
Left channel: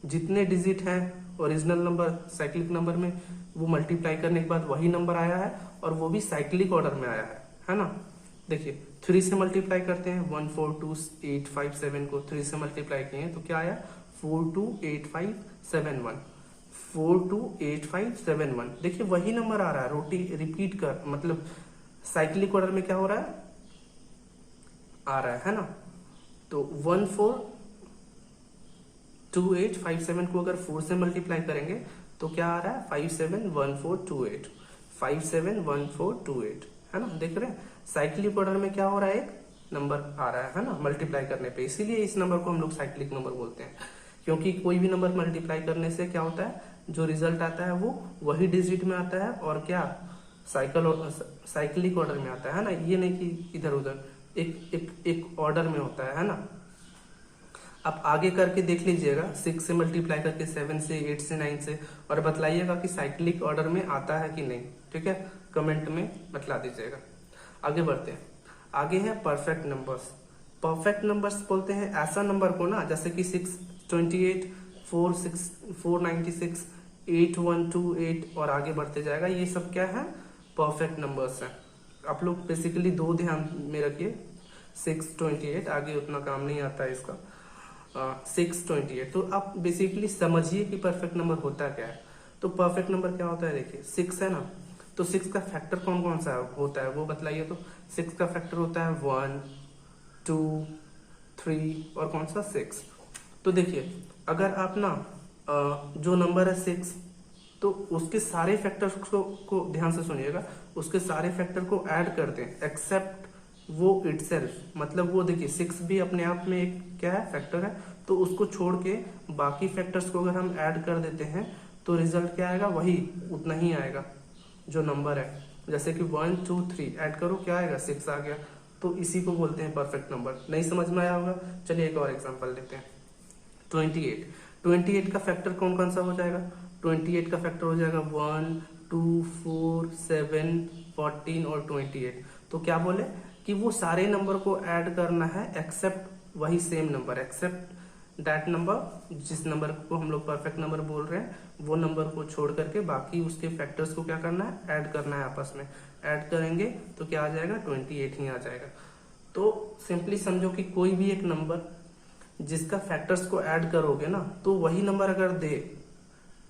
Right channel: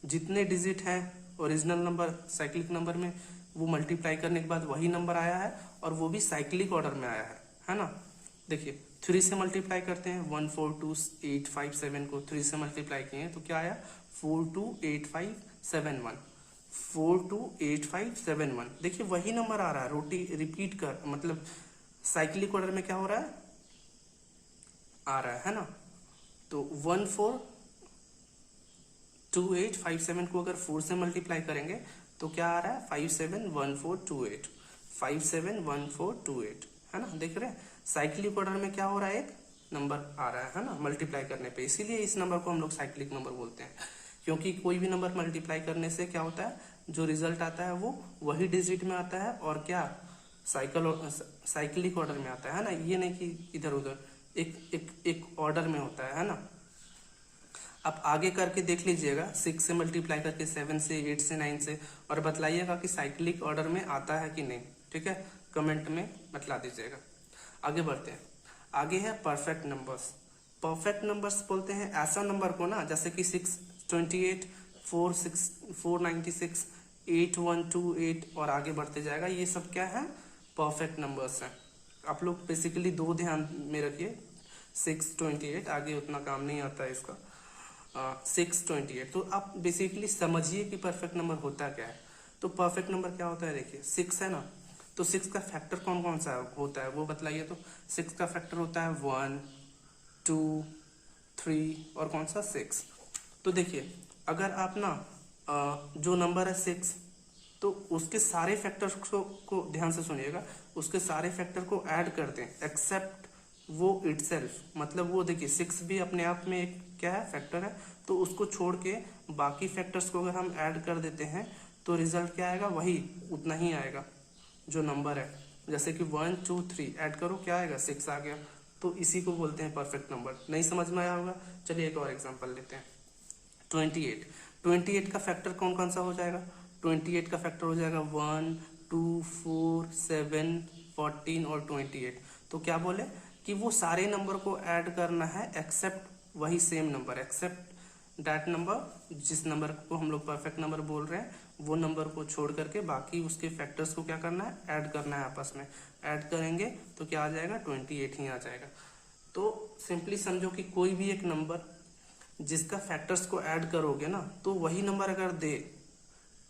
जितने डिजिट हैं ओरिजिनल नंबर साइक्लिक नंबर में, वो मल्टीप्लाई करने के बाद वही नंबर आया है, और वो भी साइक्लिक ऑर्डर में आया है ना। देखिए 3 से मल्टीप्लाई करते हैं, 142857 को 3 से मल्टीप्लाई किए तो क्या आया, 428571, 428571। देखिए वही नंबर आ रहा है, रिपीट कर, मतलब साइक्लिक ऑर्डर में क्या हो रहा है, आ रहा है ना। तो 142857 को अगर 4 से मल्टीप्लाई करेंगे तो क्या आ रहा है, 571428, 571428, है ना। देख रहे हैं साइक्लिक ऑर्डर में क्या हो रहा है, एक नंबर आ रहा है ना मल्टीप्लाई करने पे, इसीलिए इस नंबर को हम लोग साइक्लिक नंबर बोलते हैं। क्योंकि कोई भी नंबर मल्टीप्लाई करने से क्या होता है, जो रिजल्ट आता है वो वही डिजिट में आता है, और क्या साइक्लिक ऑर्डर में आता है ना, ये नहीं कि इधर उधर, एक ऑर्डर में होता है ना। आप आगे करके देख लीजिएगा, 6 से मल्टीप्लाई करके, 7 से, 8 से, 9 से, और बतलाइएगा कि साइक्लिक ऑर्डर में आता है कि नहीं। ठीक है, कमेंट में बतला दीजिएगा। आगे बढ़ते हैं, आगे है परफेक्ट नंबर्स। परफेक्ट नंबर्स बोलते हैं ऐसा नंबर को ना, जैसे कि 628, 496, 8128 और आगे बढ़ते जाएगा, ये सब क्या है, परफेक्ट नंबर्स हैं। आप लोग बेसिकली 2 ध्यान में रखिए, 628 आगे उतना काम नहीं आता है इसका, 628, तो आप बेसिकली समझिए कि परफेक्ट नंबर होता क्या है। तो परफेक्ट नंबर क्या होता है, देखिए 6 है ना, तो 6 का फैक्टर कौन कौन सा होता है वो बतलाइए। तो 6 का फैक्टर होता है 1, 2, 3 और कौन सा 6। तो देखिए अगर आप ना जो नंबर है 6, तो उसके सारे फैक्टर्स को ध्यान से सुनिएगा, उसके सारे फैक्टर को ऐड कर दें एक्सेप्ट वो इटसेल्फ, मतलब वो देखिए 6 भी अपने आप में एक क्या है, फैक्टर है, तो उसको छोड़ के बाकी फैक्टर्स को अगर हम ऐड कर देते हैं तो रिजल्ट क्या आएगा, वही उतना ही आएगा जो नंबर है। जैसे कि 1, 2, 3 ऐड करो, क्या आएगा, 6 आ गया। तो इसी को बोलते हैं परफेक्ट नंबर। नहीं समझ में आया होगा, चलिए एक और एग्जांपल लेते हैं। 28 का फैक्टर कौन कौन सा हो जाएगा, 28 का फैक्टर हो जाएगा 1, 2, 4, 7, 14 और 28। तो क्या बोले कि वो सारे नंबर को ऐड करना है एक्सेप्ट वही same number, except that number, जिस नंबर को हम लोग परफेक्ट नंबर बोल रहे हैं वो नंबर को छोड़ करके बाकी उसके फैक्टर्स को क्या करना है, ऐड करना है आपस में। ऐड करेंगे तो क्या आ जाएगा, 28 ही आ जाएगा। तो सिंपली समझो कि कोई भी एक नंबर जिसका फैक्टर्स को ऐड करोगे ना, तो वही नंबर अगर दे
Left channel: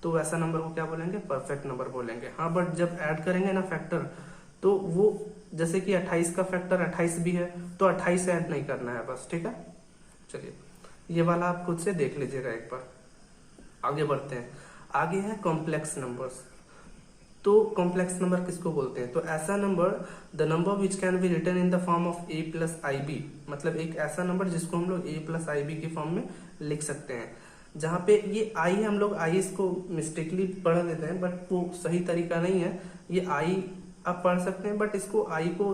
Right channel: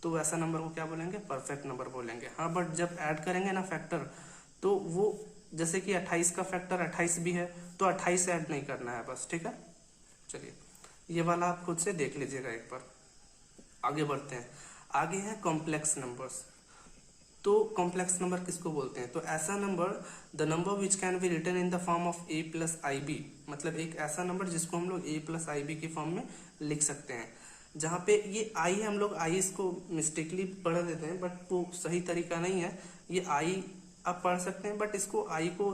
तो वैसा नंबर को क्या बोलेंगे, परफेक्ट नंबर बोलेंगे। हाँ, बट जब ऐड करेंगे ना फैक्टर, तो वो जैसे कि 28 का फैक्टर 28 भी है तो 28 ऐड नहीं करना है बस। ठीक है, चलिए ये वाला आप खुद से देख लीजिएगा एक बार। आगे बढ़ते हैं, आगे है कॉम्प्लेक्स नंबर्स। तो कॉम्प्लेक्स नंबर किसको बोलते हैं, तो ऐसा number, the number which can be written in the form of a plus i b, मतलब एक ऐसा नंबर जिसको हम लोग a प्लस आई बी के फॉर्म में लिख सकते हैं। जहाँ पे ये आई है, हम लोग आई इसको मिस्टेकली पढ़ देते हैं, बट वो सही तरीका नहीं है। ये आई आप पढ़ सकते हैं, बट इसको आई को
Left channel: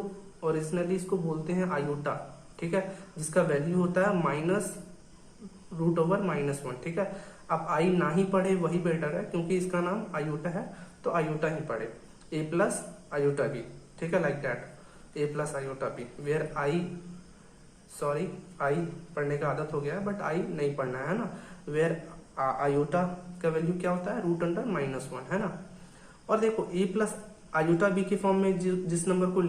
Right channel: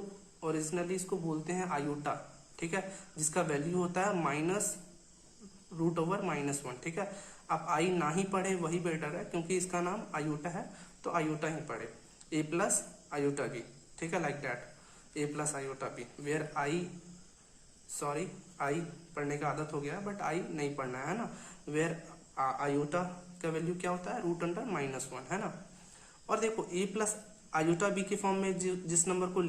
ओरिजिनली इसको बोलते हैं आयोटा। ठीक है, जिसका वैल्यू होता है -√/-1। ठीक है, आप आई ना ही पढ़े वही बेटर है, क्योंकि इसका नाम आयोटा है तो आयोटा ही पढ़े, a प्लस आयोटा बी। ठीक है, like that, a plus iota b, where i पढ़ने का आदत हो गया है बट आई नहीं पढ़ना है ना। वेयर आयोटा का वैल्यू क्या होता है, √/-1 है ना। और देखो a प्लस आयोटा बी के फॉर्म में जिस नंबर को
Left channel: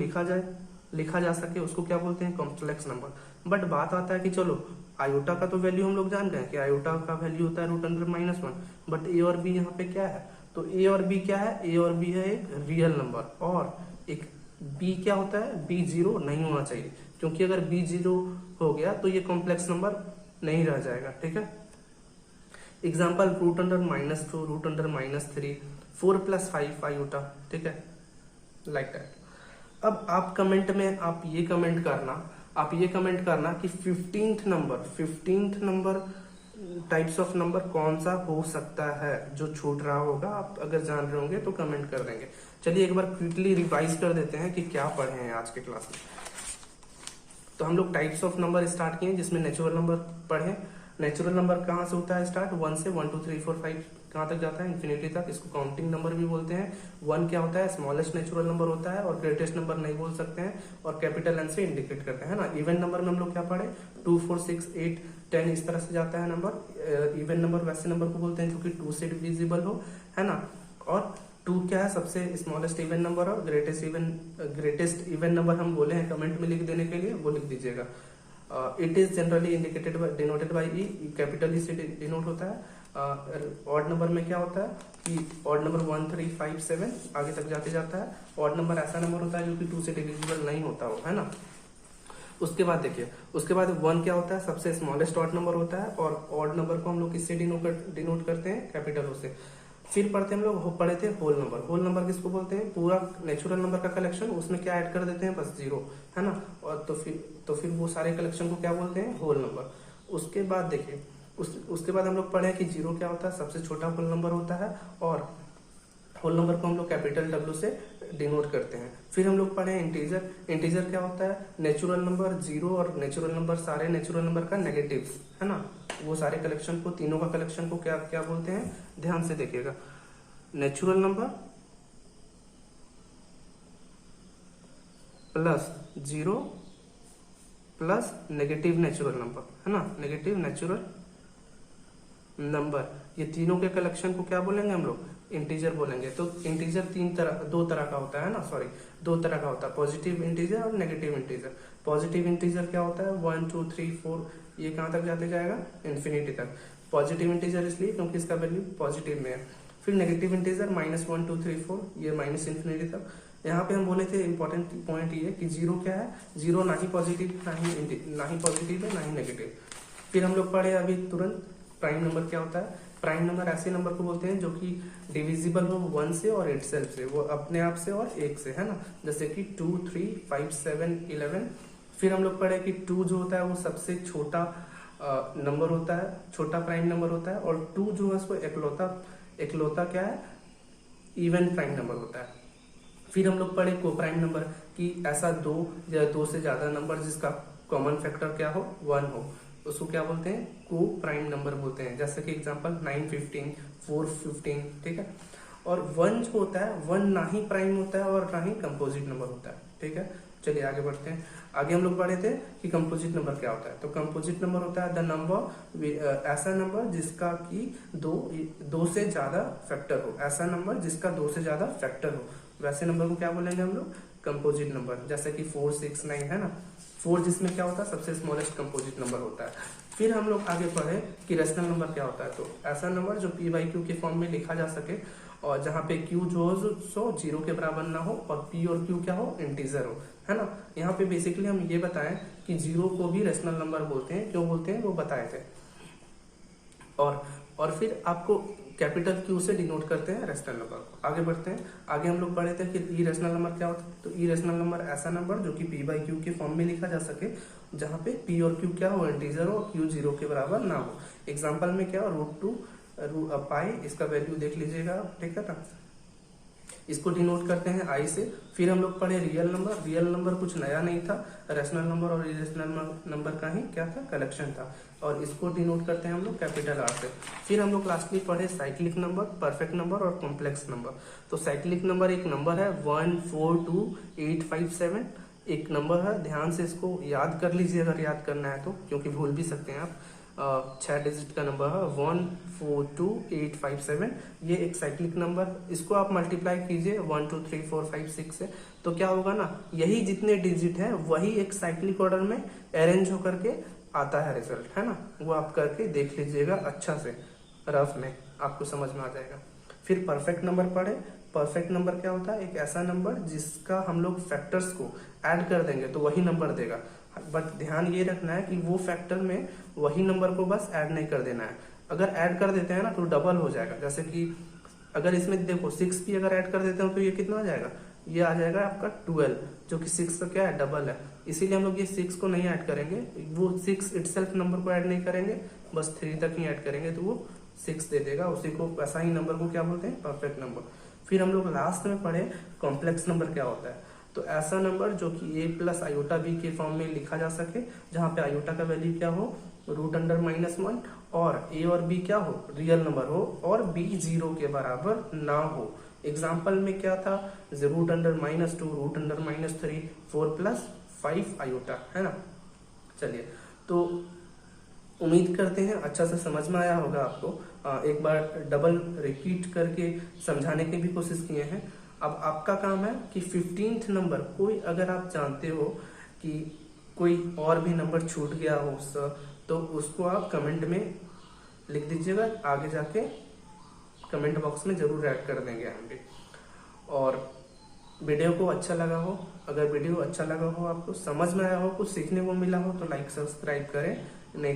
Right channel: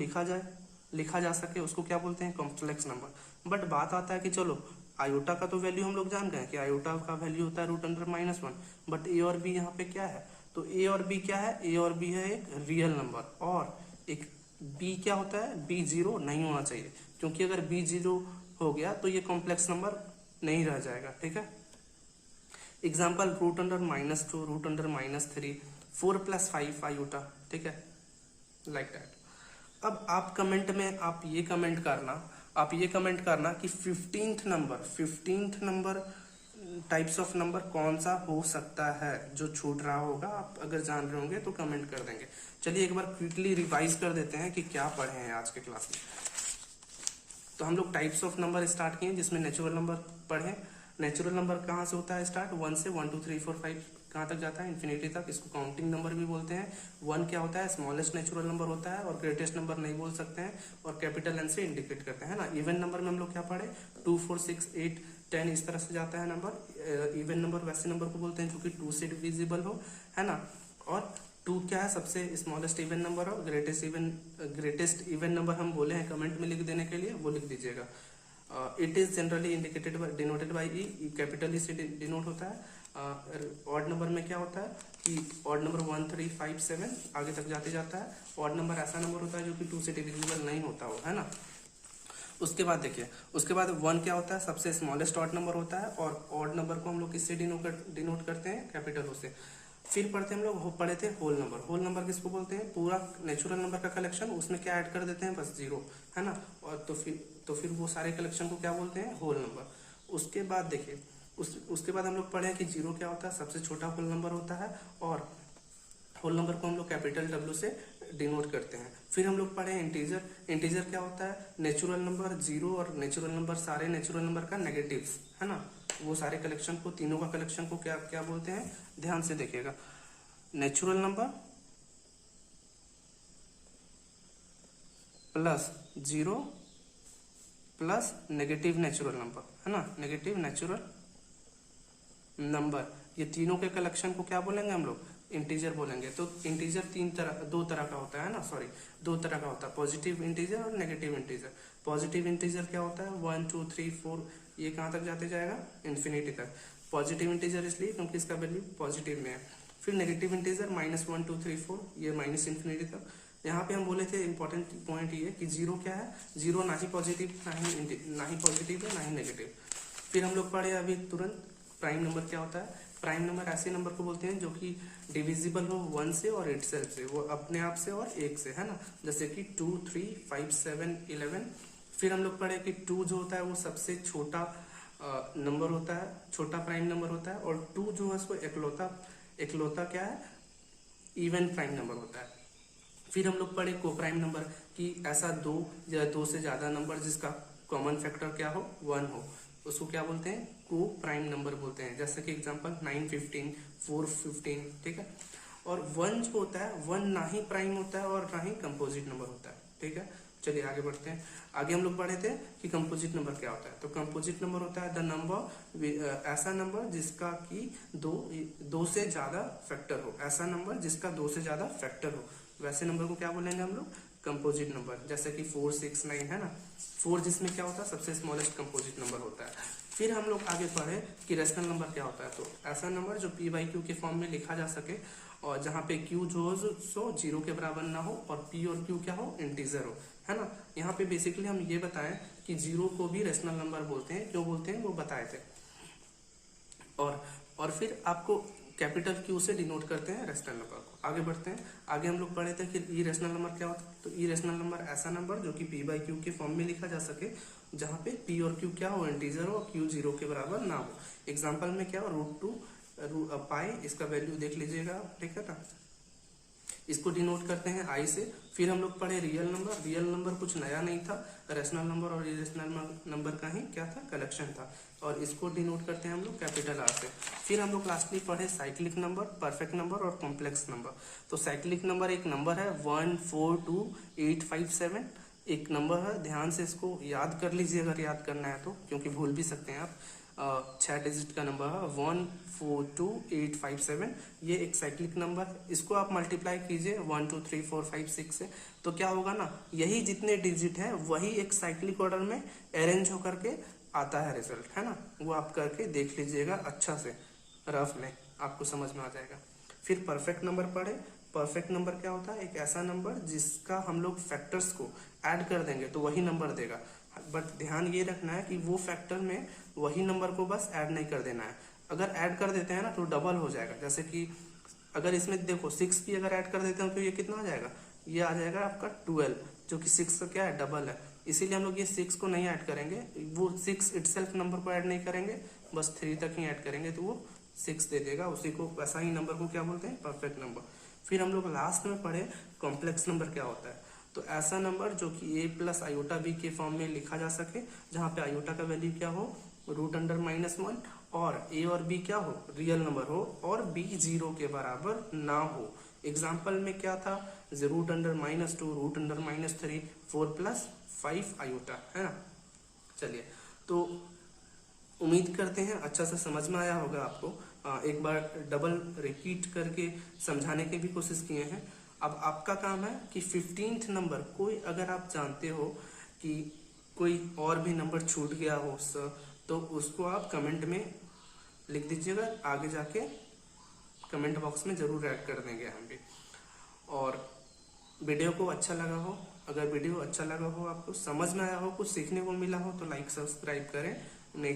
लिखा जा सके उसको क्या बोलते हैं, कॉम्प्लेक्स नंबर। बट बात आता है कि चलो आयोटा का तो वैल्यू हम लोग जान गए कि आयोटा का वैल्यू होता है √/-1, बट ए और बी यहाँ पे क्या है, तो ए और बी क्या है, ए और बी है एक रियल नंबर और एक बी क्या होता है, बी जीरो नहीं होना चाहिए, क्योंकि अगर बी जीरो हो गया तो ये कॉम्प्लेक्स नंबर नहीं रह जाएगा। ठीक है, example root under -2, root under -3, 4 + 5 iota. ठीक है, लाइक दैट। अब आप कमेंट में आप ये कमेंट करना कि 15th number types of number कौन सा हो सकता है जो छूट रहा होगा। आप अगर जान रहे होंगे तो कमेंट कर देंगे। चलिए एक बार क्विकली रिवाइज कर देते हैं कि क्या पढ़े हैं आज के क्लास में। तो हम लोग टाइप्स ऑफ नंबर स्टार्ट किए, जिसमें नेचुरल नंबर पढ़े। नेचुरल नंबर कहाँ से होता है स्टार्ट, 1 से 1 2 3 4 5 कहाँ तक जाता है, इन्फिनिटी तक। इसको काउंटिंग नंबर भी बोलते हैं। 1 क्या होता है, स्मॉलेस्ट नेचुरल नंबर होता है और ग्रेटेस्ट नंबर नहीं बोल सकते हैं, और कैपिटल एन से इंडिकेट करते हैं ना। इवन नंबर में हम लोग क्या पढ़े, 2 4 6 8 10 इस तरह से जाता है नंबर। इवन नंबर वैसे नंबर को बोलते हैं जो कि 2 से डिविजिबल हो, है ना। और 2 क्या है, सबसे स्मॉलेस्ट इवन नंबर और ग्रेटेस्ट इवन नंबर हम बोले हैं कमेंट में लिख देने के लिए, वो लिख दीजिएगा। It is generally indicated denoted by E, capital E से डिनोट होता है। ऑड नंबर में क्या होता है कि ऑड नंबर 1 3 5 7 आगे तक जाते जाता है। ऑड नंबर ऐसा नंबर होता है जो कि 2 से डिविजिबल नहीं होता हो, है ना। उसके बाद देखिए, उसके बाद 1 क्या होता है, सबसे स्मॉलेस्ट ऑड नंबर होता है, और ऑड नंबर को हम लोग किससे डिनोट करते हैं, कैपिटल ओ से। फिर पढ़ते हम लोग पढ़े थे होल नंबर। होल नंबर किसको बोलते हैं, पूरा नेचुरल नंबर का कलेक्शन, उसमें क्या ऐड कर देते हैं, बस 0, है ना। और तो फिर वो सारे कलेक्शन को क्या बोलते हैं, होल नंबर। उसके बाद देखिए, उसके बाद हम लोग पढ़े कि 0 क्या होता है, सबसे छोटा होल नंबर होता है, और होल नंबर को हम लोग कैपिटल W से डिनोट करते हैं। फिर हम लोग पढ़े इंटीजर। इंटीजर क्या होता है, नेचुरल नंबर 0 और नेचुरल नंबर, सारे नेचुरल नंबर का नेगेटिव्स, है ना। वो सारे कलेक्शन को, तीनों का कलेक्शन को क्या क्या बोलते हैं, ध्यान से देखिएगा। Natural number plus 0 plus negative natural number, है ना, नेगेटिव नेचुरल नंबर, ये तीनों के कलेक्शन को क्या बोलेंगे हम लोग, इंटीजर बोलेंगे। तो इंटीजर दो तरह का होता है ना, सॉरी, 2 तरह का होता है, पॉजिटिव इंटीजर और नेगेटिव इंटीजर। पॉजिटिव इंटीजर क्या होता है, 1 2 3 4, ये कहाँ तक जाते जाएगा, इन्फिनिटी तक। पॉजिटिव इंटीजर इसलिए क्योंकि इसका वैल्यू पॉजिटिव में है। फिर नेगेटिव इंटीजर -1 2 3 4, ये माइनस इन्फिनिटी तक। यहाँ पे हम बोले थे इंपॉर्टेंट पॉइंट ये कि 0 क्या है, 0 ना ही पॉजिटिव ना ही पॉजिटिव है ना ही नेगेटिव। फिर हम लोग पढ़े अभी तुरंत प्राइम नंबर क्या होता है। प्राइम नंबर ऐसे नंबर को बोलते हैं जो कि डिविजिबल हो 1 से और इटसेल्फ से, वो अपने आप से और 1 से, है ना। जैसे कि 2 3 5 7 11। फिर हम लोग पढ़े कि 2 जो होता है वो सबसे छोटा नंबर होता है, छोटा प्राइम नंबर होता है, और 2 जो है उसको इकलौता क्या है, इवन प्राइम नंबर होता है। फिर हम लोग पढ़े को प्राइम नंबर कि ऐसा 2 या 2 से ज्यादा नंबर जिसका कॉमन फैक्टर क्या हो, 1 हो, उसको क्या बोलते हैं, को प्राइम नंबर बोलते हैं। जैसे कि एग्जांपल 9 15 4 15, ठीक है। और 1 जो होता है, 1 ना ही प्राइम होता है और ना ही कंपोजिट नंबर होता है, ठीक है। चलिए आगे बढ़ते हैं। आगे हम लोग पढ़े थे कि कंपोजिट नंबर क्या होता है। तो कंपोजिट नंबर होता है द नंबर, ऐसा नंबर जिसका कि दो से ज्यादा फैक्टर हो, ऐसा नंबर जिसका 2 से ज्यादा फैक्टर हो, वैसे नंबर को क्या बोलेंगे हम लोग, कंपोजिट नंबर। जैसे कि 4 6 9, है ना। 4 जिसमें क्या होता है, सबसे स्मॉलेस्ट कंपोजिट नंबर होता है। फिर हम लोग आगे पढ़े कि रेशनल नंबर क्या होता है। तो ऐसा नंबर जो p/q के फॉर्म में लिखा जा सके, और जहाँ पे q जो हो सो 0 के बराबर ना हो, और p और q क्या हो, इंटीजर हो, है ना। यहाँ पे बेसिकली हम ये बताएं कि 0 को भी रेशनल नंबर बोलते हैं, क्यों बोलते हैं वो बताए थे। और फिर आपको कैपिटल Q से डिनोट करते हैं रेशनल नंबर को। आगे बढ़ते हैं। आगे हम लोग पढ़े थे कि इरेशनल नंबर क्या होता है। तो इरेशनल नंबर ऐसा नंबर जो कि p/q के फॉर्म में लिखा जा सके, जहाँ पे p और q क्या हो, इंटीजर हो, q 0 के बराबर ना हो। एग्जाम्पल में क्या, √2 पाई, इसका वैल्यू देख लीजिएगा, ठीक है ना। इसको डिनोट करते हैं i से। फिर हम लोग पढ़े रियल नंबर। रियल नंबर कुछ नया नहीं था, रेशनल नंबर और इरेशनल नंबर का ही क्या था, कलेक्शन था, और इसको डिनोट करते हैं हम लोग कैपिटल R से। फिर हम लोग लास्टली पढ़े साइक्लिक नंबर, परफेक्ट नंबर और कॉम्प्लेक्स नंबर। तो साइक्लिक नंबर एक नंबर है 1 4 2 8 5 7, एक नंबर है, ध्यान से इसको याद कर लीजिए अगर याद करना है तो, क्योंकि भूल भी सकते हैं आप। 6 डिजिट का नंबर है 1 4 2 8 5 7, ये एक साइक्लिक नंबर। इसको आप मल्टीप्लाई कीजिए 1 2 3 4 5 6 से, तो क्या होगा ना, यही जितने डिजिट है वही एक साइक्लिक ऑर्डर में अरेंज होकर के आता है रिजल्ट, है ना। वो आप करके देख लीजिएगा अच्छा से, रफ में आपको समझ में आ जाएगा। फिर परफेक्ट नंबर पढ़े। परफेक्ट नंबर क्या होता है? एक ऐसा नंबर जिसका हम लोग फैक्टर्स को ऐड कर देंगे तो वही नंबर देगा। बट ध्यान ये रखना है कि वो फैक्टर में वही नंबर को बस ऐड नहीं कर देना है। अगर ऐड कर देते हैं ना तो डबल हो जाएगा। जैसे कि अगर इसमें देखो 6 भी अगर ऐड कर देते हो तो ये कितना आ जाएगा? ये आ जाएगा आपका 12, जो कि 6 का क्या है? डबल है। इसीलिए हम लोग ये 6 को नहीं ऐड करेंगे, वो 6 इटसेल्फ नंबर को ऐड नहीं करेंगे, बस 3 तक ही ऐड करेंगे तो वो 6 दे देगा। उसी को वैसा ही नंबर को क्या बोलते हैं? Perfect number. फिर हम लोग लास्ट में पढ़े कॉम्प्लेक्स नंबर क्या होता है। तो ऐसा नंबर जो कि a प्लस आयोटा b के फॉर्म में लिखा जा सके, जहाँ पे आयोटा का वैल्यू क्या हो? √(-1), और a और b क्या हो? रियल नंबर हो, और b 0 के बराबर ना हो। एग्जाम्पल में क्या था? √(-2), √(-3), 4 + 5 आयोटा, है ना। चलिए, तो उम्मीद करते हैं अच्छा से समझ में आया होगा आपको। एक बार डबल रिपीट करके समझाने की भी कोशिश किए हैं। अब आपका काम है कि 15th नंबर कोई अगर आप जानते हो कि कोई और भी नंबर छूट गया हो तो उसको आप कमेंट में लिख दीजिएगा, आगे जाके कमेंट बॉक्स में जरूर ऐड कर देंगे हम भी। और वीडियो को अच्छा लगा हो, अगर वीडियो अच्छा लगा हो, आपको समझ में आया हो, कुछ सीखने को मिला हो तो लाइक सब्सक्राइब करें। नहीं